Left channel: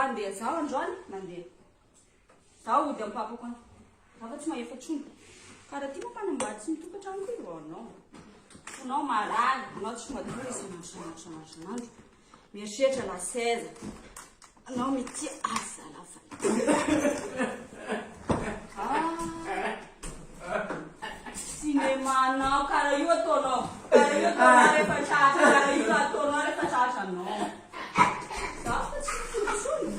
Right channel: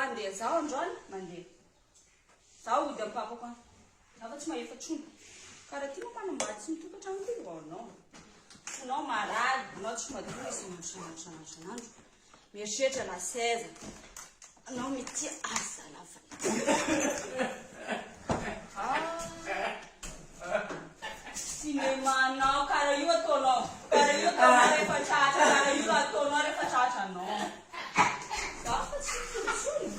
andeha zaho androany mandeha zaho ody amin'ny papako any zaho fa tsy mahefa tsony karaha ty moa mpanambady sy mitokantrano koa io anao anao maraly anao tsy madio izy sanandro mieritreritra la 16 anao mety asa lafa cinémanao karaha io ataonao rehefa tratra karaha io ataonao rehefa tratra anao zaho fa tsy mitotsony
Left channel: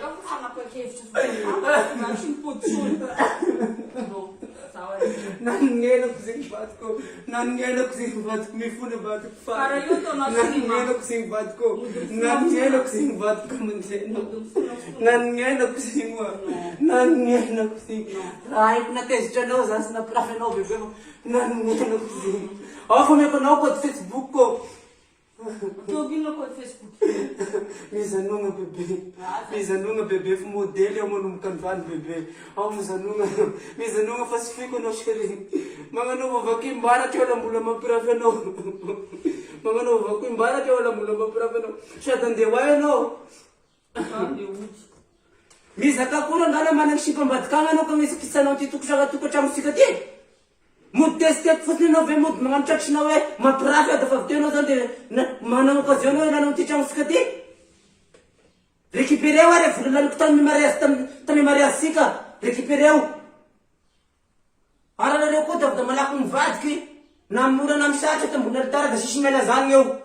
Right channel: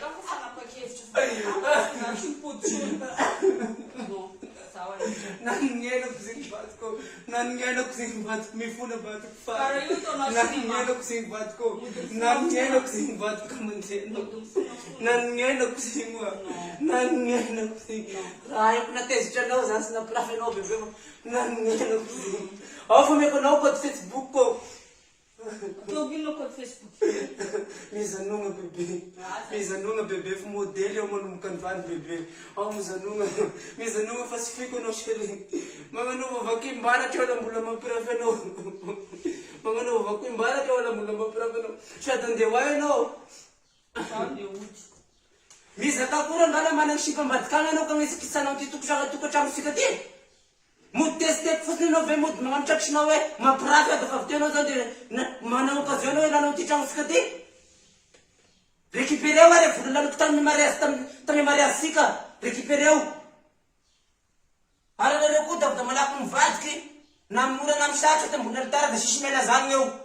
ka fa fanapakevitra tsy mipotsony nanenako zegny vadiko nanenako zegny vadiko mifona vadiko nanenako zegny vadiko nanenako zegny vadiko amanjeno nanenako zegny nanenako zegny raha haiko natezitra anao zany sy napirafy anao bebe nanenako zegny ao fa meko anao code Facebook ko Tobinao code Facebook mizanonga bebe fa modely ao manomboka androany bebe ao mizanonga fa sy fiko anao chéri magnanova vakim-baratra eo la mbola mampirafy anao magnanova vakim-baratra eo la mbola mampirafy anao sady andeha hoay anao mizaka koa ngala managny sipambadikagna anao ka gnisakitsanao ty tokotragnosika ty modesteko fosiny anao ve mody magnano tratrinao hoe mampirafy dafa avy teo anao zany dia manao occasion anao ilanao ty tragnosika ty récupéreo re vola laloko tamy mariage sika récupéreo aranareo koa da malaky mivadiky na mora na misatra ta mbola ritara da sisy miala zany eo